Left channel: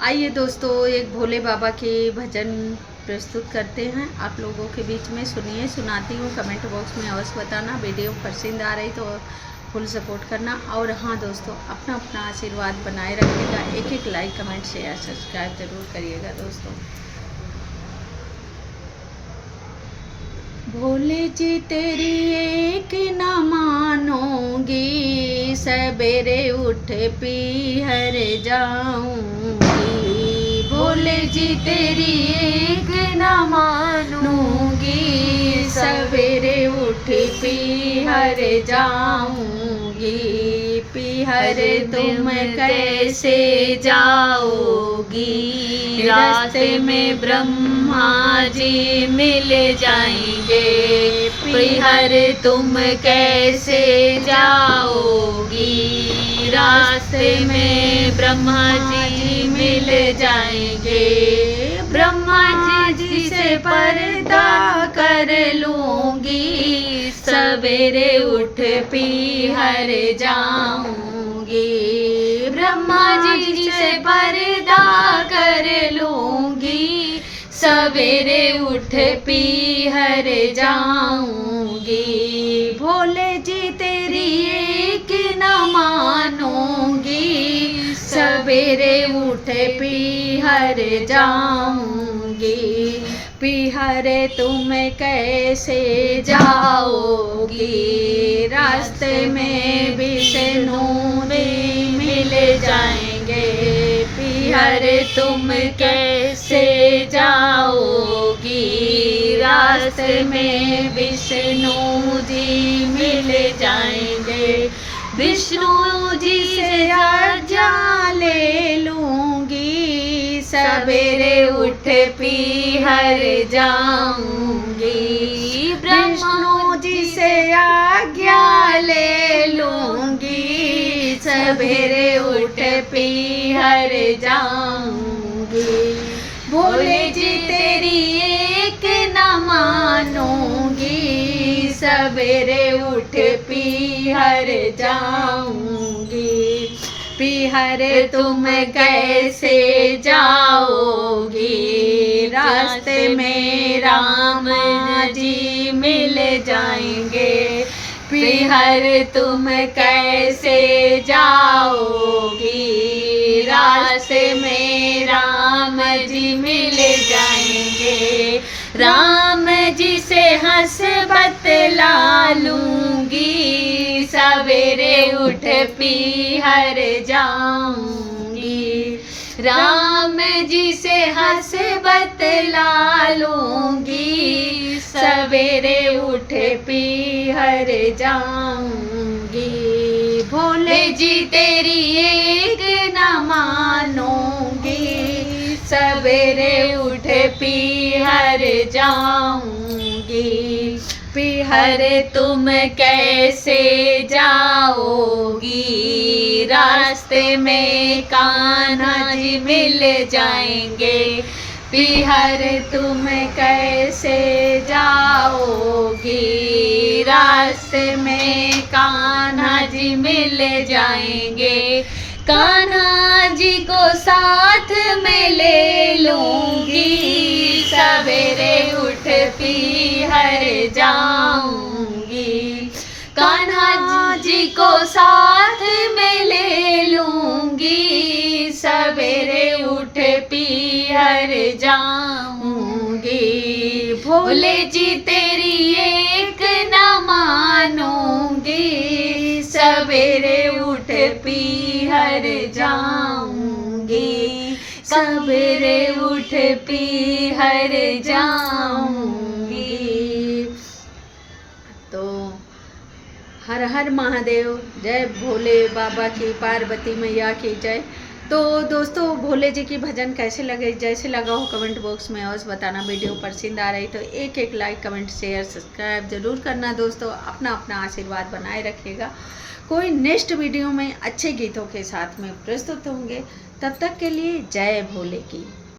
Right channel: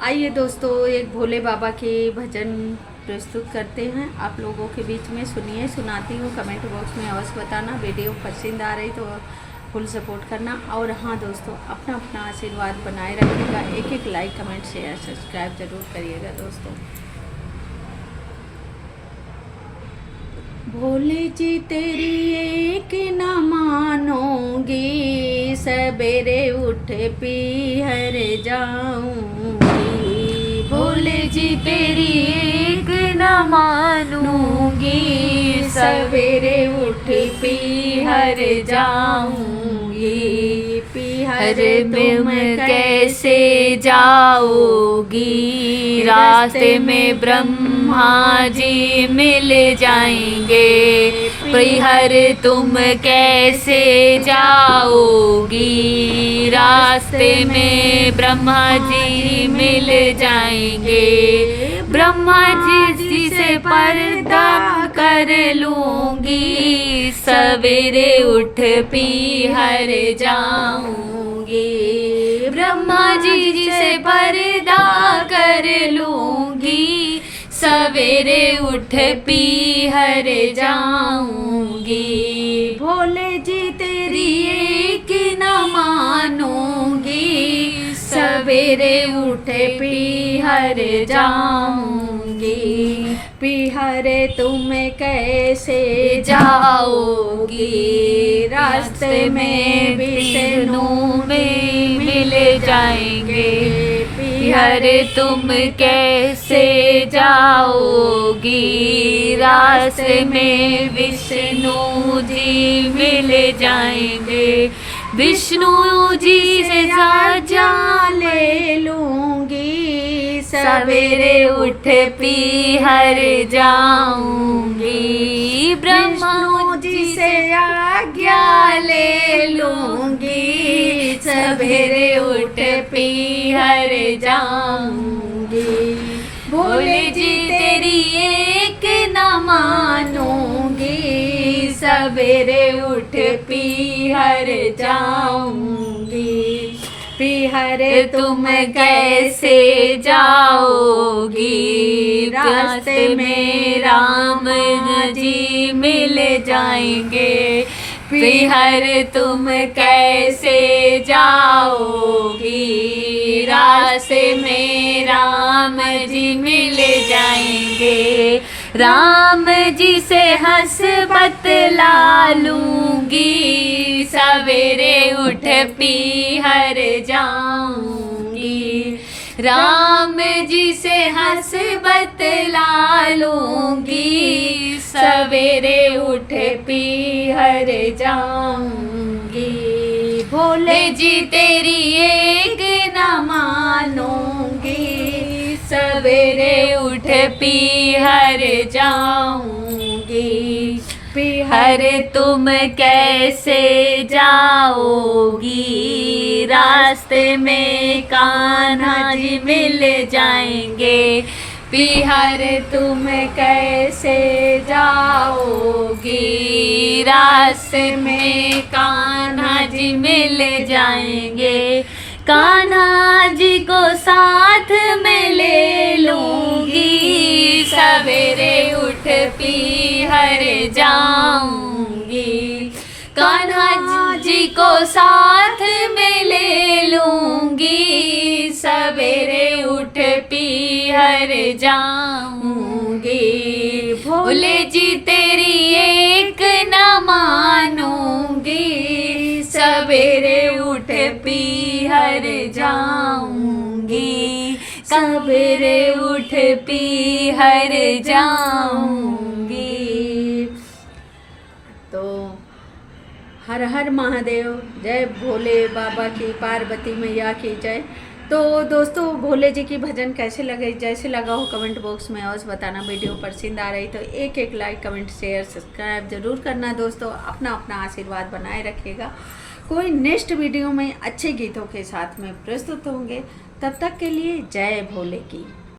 आइए दोस्तों, एक भोले बाबा के भजन प्रस्तुत करते हैं आप लोगों के बीच में। सुनिए, सुनाती हूँ। कमेंट बॉक्स में अवश्य बताना। वीडियो पसंद आ रही तो फुल सपोर्ट करना। और हाँ दोस्तों, अपना अपना आशीर्वाद बनाए रखिएगा। एक एक लाइक, कमेंट, शेयर, सब्सक्राइब जरूर करिएगा दोस्तों। भोले जी तेरी एक न मानोगी, सवेरे उठ पीहर जाऊंगी। भोले जी तेरी एक न मानूंगी, सवेरे उठ पीहर जाऊंगी। पीहर तुम कैसे जाओगी, रास्ते में ब्रह्मा जी मिल जाएंगे। पीहर तुम कैसे जाओगी, रास्ते में ब्रह्मा जी मिल जाएंगे। ब्रह्मा जी से पर्दा कर लूंगी, सवेरे उठ पीहर जाऊंगी। ब्रह्मा जी से पर्दा कर लूंगी, सवेरे उठ पीहर जाऊंगी। भोले जी तेरी एक न मानूंगी, सवेरे उठ पीहर जाऊंगी। पीहर तुम कैसे जाओगी, रास्ते में विष्णु भी मिल जाएंगे। पीहर तुम कैसे जाओगी, रास्ते में विष्णु जी मिल जाएंगे। विष्णु जी से आज्ञा ले लूंगी, सवेरे उठ पीहर जाऊंगी। विष्णु जी से आज्ञा ले लूंगी, सवेरे उठ पीहर जाऊंगी। भोले जी तेरी एक न मानूंगी, सवेरे उठ पीहर जाऊंगी। पीहर तुम कैसे जाओगी, रास्ते में राम जी मिल जाएंगे। पीहर तुम कैसे जाओगी, रास्ते में राम जी मिल जाएंगे। राम जी से हंस बतला लूंगी, सवेरे उठ पीहर जाऊंगी। राम जी से हंस बतला लूंगी, सवेरे उठ पीहर जाऊंगी। भोले जी तेरी एक न मानूंगी, सवेरे उठ पीहर जाऊंगी। पीहर तुम कैसे जाओगी, रास्ते में कान्हा जी मिल जाएंगे। पीहर तुम कैसे जाओगी, रास्ते में कान्हा जी मिल जाएंगे। कान्हा जी को साथ में ले लूंगी, सवेरे उठ पीहर जाऊंगी। कान्हा जी को साथ में ले लूंगी, सवेरे उठ पीहर जाऊंगी। भोले जी तेरी एक न मानूंगी, सवेरे उठ पीहर जाऊंगी। सवेरे उठ पीहर जाऊंगी। तो हर हर महादेव, जय भोले बाबा की, पार्वती मैया की जय। तो दोस्तों, भोले जी की भजन कैसे लगे, जैसे लगा हो कमेंट बॉक्स में अवश्य बताना। वीडियो पसंद आ रही तो एक एक लाइक, कमेंट, शेयर, सब्सक्राइब जरूर करना दोस्तों। अपना अपना आशीर्वाद बनाए रखिएगा। कोई नेक्स्ट वीडियो में अच्छे गीतों के साथ में प्रस्तुत होंगे। तब तक के लिए जय भोले की।